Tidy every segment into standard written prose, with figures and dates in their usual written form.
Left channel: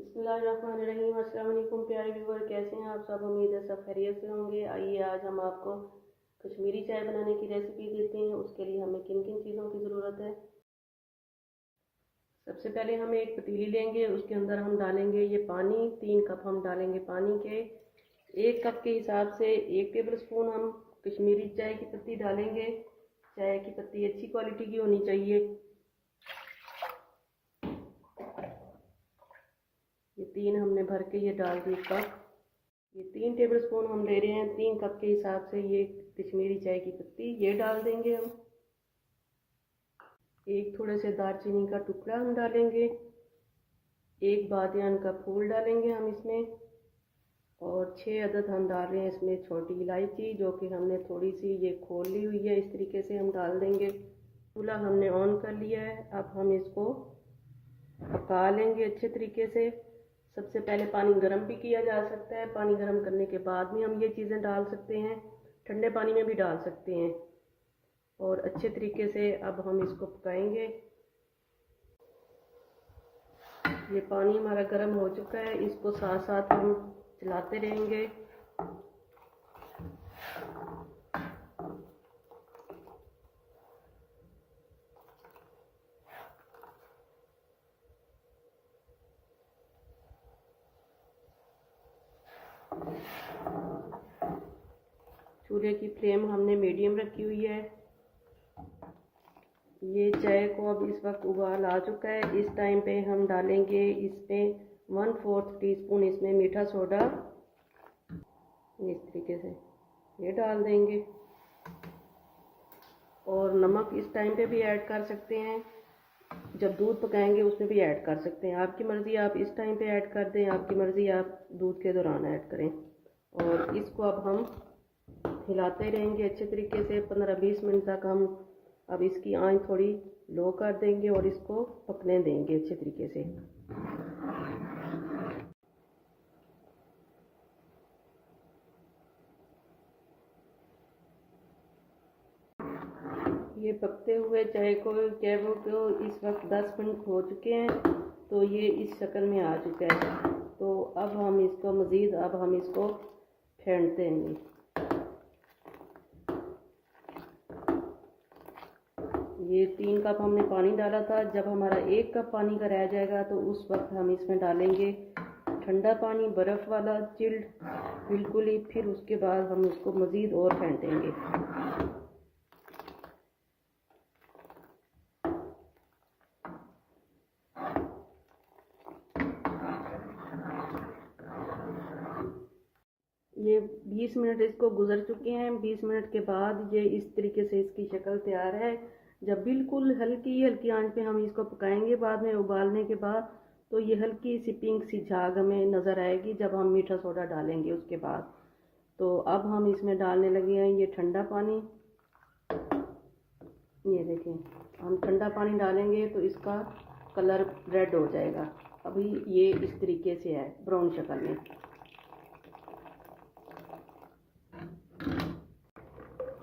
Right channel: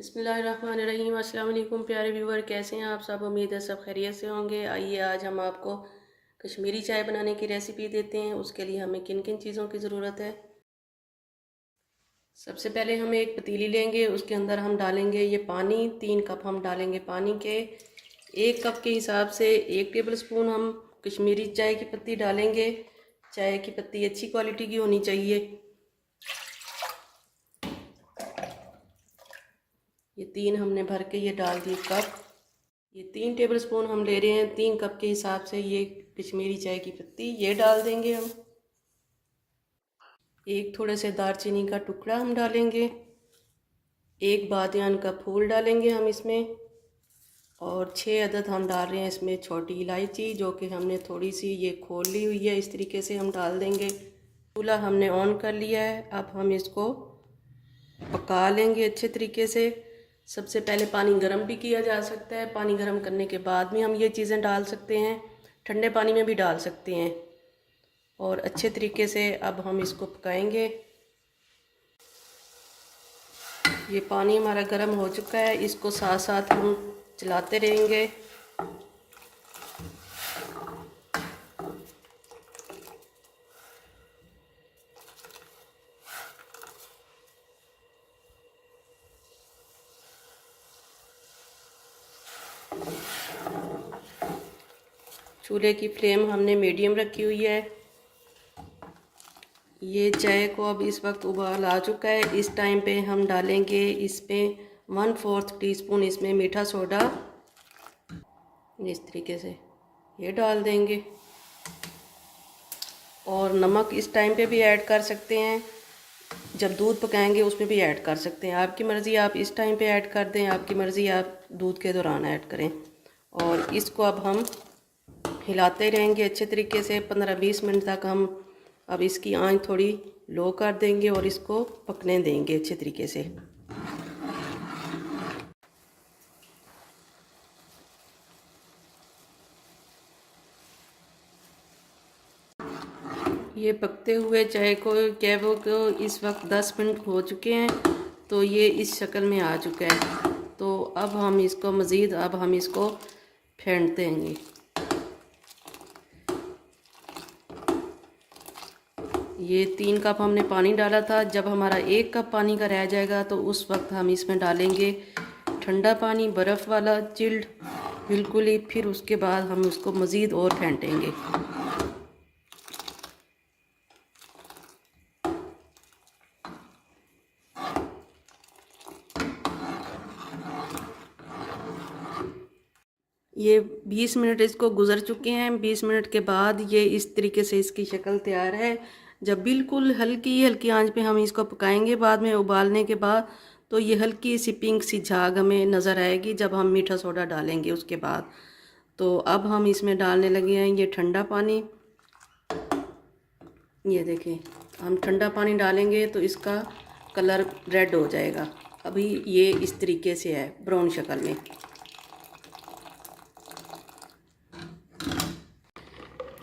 बिस्मिल्लाहिर्रहमानिर्रहीम। अस्सलाम वालेकुम प्यारे व्यूवर, कैसे हैं आप सब? उम्मीद है सब खैरियत से होंगे। आइए आज हम आपको कश्मीरी चाय बनाने की रेसिपी देते हैं। उसके लिए हमें किन किन चीज़ों की ज़रूरत है। सबसे पहले हम एक पतीली लेंगे, उसके अंदर हम डालेंगे ये पानी। 3 कप हम डालेंगे पानी के। 1 कप के हिसाब से 1 टेबल स्पून हम कश्मीरी चाय की पत्ती डालेंगे। चाय की पत्ती अच्छी क्वालिटी की होनी चाहिए। ये 3 हमने भर के ये डाल दिए कप। ये 3 टेबल स्पून हम ले रहे हैं। 3 कप के हिसाब से ये कश्मीरी चाय की पत्ती ये डाल देंगे हम। एक थोड़े से दालचीनी का टुकड़ा हम डालेंगे। एक बादियान का फूल डालेंगे हम इसमें। और 6 अदद हम डाल रहे हैं इसमें छोटी इलायची, जो कि हमने थोड़ी सी ये खोल ली हुई है। इस तरीके से हम डाल देंगे। चूल्हा हमने ऑन कर लिया है। अब हम इसको पका लेंगे अच्छे तरीके से। सबसे पहले पानी गर्म भी किया जा सकता है। पानी गर्म करने के बाद में हम ये चीज़ें डाल सकते हैं। ठंडे पानी में भी डाल सकते हैं। और अच्छे तरीके से अब हम इसको पकाएंगे। ये पानी हमारा गर्म हो चुका है। इसको साथ साथ हम चलाते रहेंगे। चूल्हे की फ्लेम हमने मीडियम रखी हुई है। ये चाय को अब इस वक्त उबाल आ चुका है। इस टाइम पे हम डालेंगे इसमें 1/4 टीस्पून इसमें मीठा सोडा। इस तरीके से ये डाल देंगे। और नमक इस टाइम पे भी ऐड कर सकते हैं। जब दूध पकाएंगे उसमें भी ऐड कर सकते हैं। आपकी मर्ज़ी, आप इस टाइम पे ऐड कर दें, आपकी मर्ज़ी आप दूध के दौरान ऐड करें। और इसको अब हम हिलाते रहेंगे अच्छे तरीके से। 15-20 मिनट तक हम अब इसकी आंच थोड़ी लो कर देंगे और इसको पकने देंगे अच्छे तरीके से। ये पकते हुए चाय को कैबो को इस वक्त 10 मिनट हो चुके हैं। तो ये इस शक्ल में आ चुका है। तो अब हम इसको मज़ीद अब हम इसको फेंट देंगे। ये 3 कप हमने पानी डाला था। जब हमारा 1 कप पानी का रह जाएगा तो उस वक्त हम इसमें डालेंगे ठंडा पानी, बर्फ़ वाला, चिल्ड बिल्कुल ही। फिर उसके बाद हम उसको मज़ीद और फेंटेंगे। ये 20 मिनट इसको गुज़र चुके हैं। 20 मिनट के बाद ये इस तरीके से इसकी शक्ल तैयार है। जब बिल्कुल हल्की हल्की आंच पे हम इसको पकाएंगे बाद में उबालने के बाद, तो ये हल्की सी पिंक सी झाग हमें नज़र आएगी जब हम मीठा सोडा डालेंगे उसके बाद। तो अब हम इसमें डालने लगे हैं ये ठंडा पानी। ये देखें, हम ठंडा पानी डालेंगे तो इसका कलर रेड हो जाएगा। अभी ये इस तरीके से है, ब्राउन शक्ल में।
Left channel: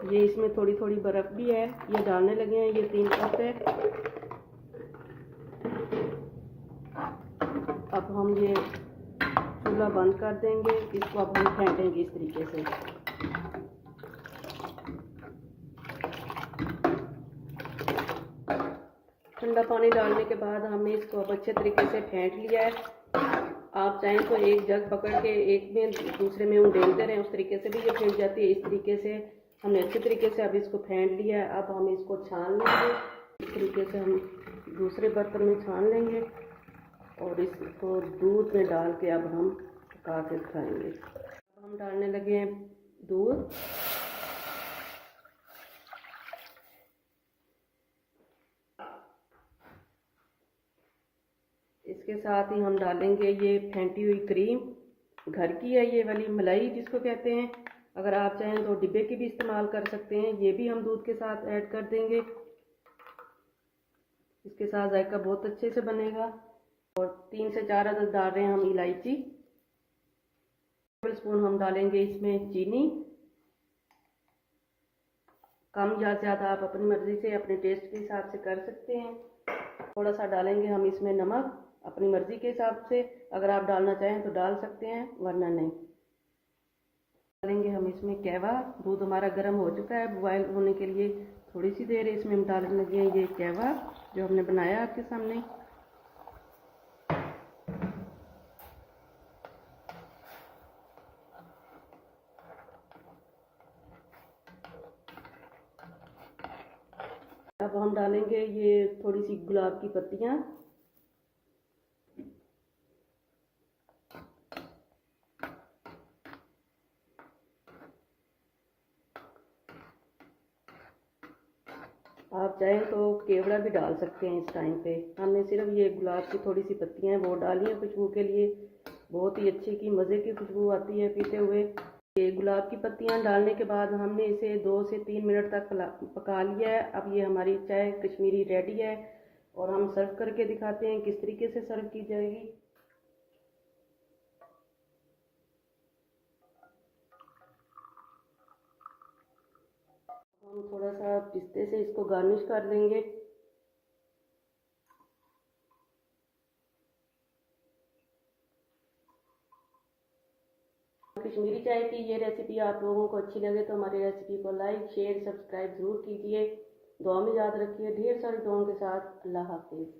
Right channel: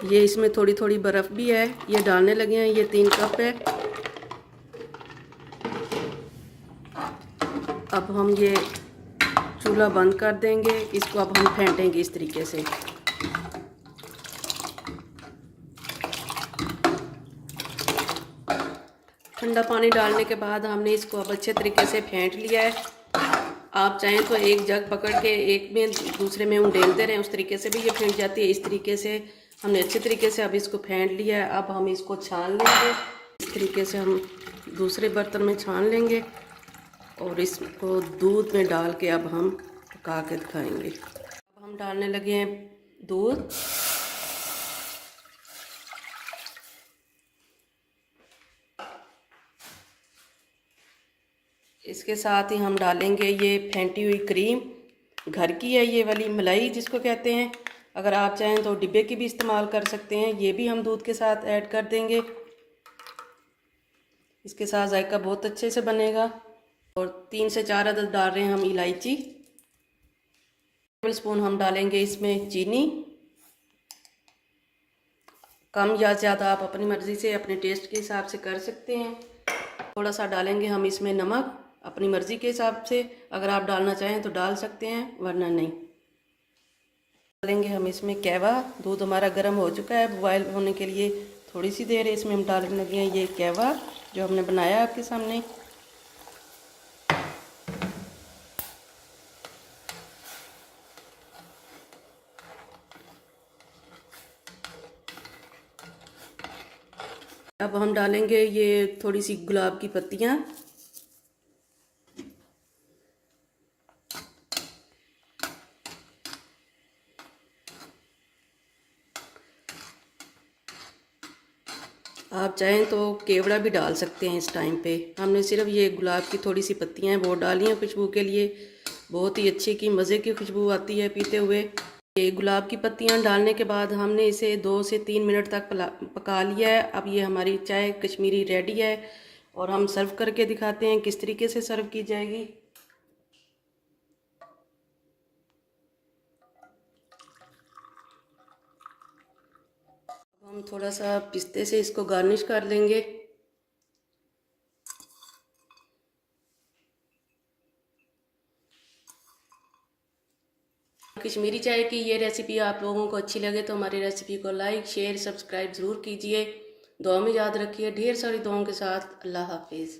ये इसमें थोड़ी थोड़ी बर्फ़ भी है, ये डालने लगे हैं। ये 3 कप है। अब हम ये चूल्हा बंद कर देंगे। इसको अब हम फेंटेंगे इस तरीके से। ठंडा पानी डालने के बाद हमने इसको अब अच्छे तरीके से फेंट लिया है। आप चाहें तो एक जग पकड़ के एक में दूसरे में उंडेलते रहें, उस तरीके से भी ये फेंट जाती है। इस तरीके से हमने अच्छे तरीके से अब इसको फेंट लिया है। अब हम इसको छान लेंगे। इस तरीके से हम दूसरे बर्तन में छान लेंगे और इसको दूध में डाल के अब हम पका के दिखाएंगे। अब हम डालने लगे हैं दूध। इसके साथ ही हम डालेंगे ये फेंटी हुई क्रीम। घर की है ये वाली, मलाई जिसको कहते हैं। अगर आप चाहें तो डिब्बे की भी इस्तेमाल कर सकते हैं। ये भी हम दूध के साथ ऐड कर देंगे। इसके साथ जायका बहुत अच्छे से बनेगा। और 3 से 4 अदद डाल रहे हैं हम इलायची। टेबल स्पून हम डालेंगे इसमें चीनी। कम या ज़्यादा आप अपनी मर्ज़ी से अपने टेस्ट के हिसाब से कर सकते हैं। थोड़ा सा डालेंगे हम इसमें नमक। अपनी मर्ज़ी के हिसाब से अगर आप डालना चाहें तो डाल सकते हैं, वरना नहीं। डालेंगे हम इसमें कहवा। दूध हमारा गर्म हो चुका है बॉयल होने के लिए, थोड़ी सी देर इसमें हम डालने लगे हैं ये कहवा जो हमने बनाया आपके सामने। अब हम डालेंगे ये थोड़ी सी गुलाब की पत्तियाँ। आप चाहें तो केवड़ा भी डाल सकते हैं इस टाइम पे। हमने सिर्फ ये गुलाब की थोड़ी सी पत्तियां हैं वो डाली हैं खुशबू के लिए। बहुत ही अच्छी की मज़े की खुशबू आती है पीते हुए। ये गुलाब की पत्तियां डालने के बाद हमने इसे 2 से 3 मिनट तक पका लिया है। अब ये हमारी चाय कश्मीरी रेडी है और हम सर्व करके दिखाते हैं किस तरीके से सर्व की जाएगी। हम थोड़ा सा पिस्ते से इसको गार्निश कर लेंगे। कश्मीरी चाय की ये रेसिपी आप लोगों को अच्छी लगे तो हमारी रेसिपी को लाइक शेयर सब्सक्राइब ज़रूर कीजिए। दुआ में याद रखिए। ढेर सारी दुआओं के साथ। अल्लाह हाफिज़।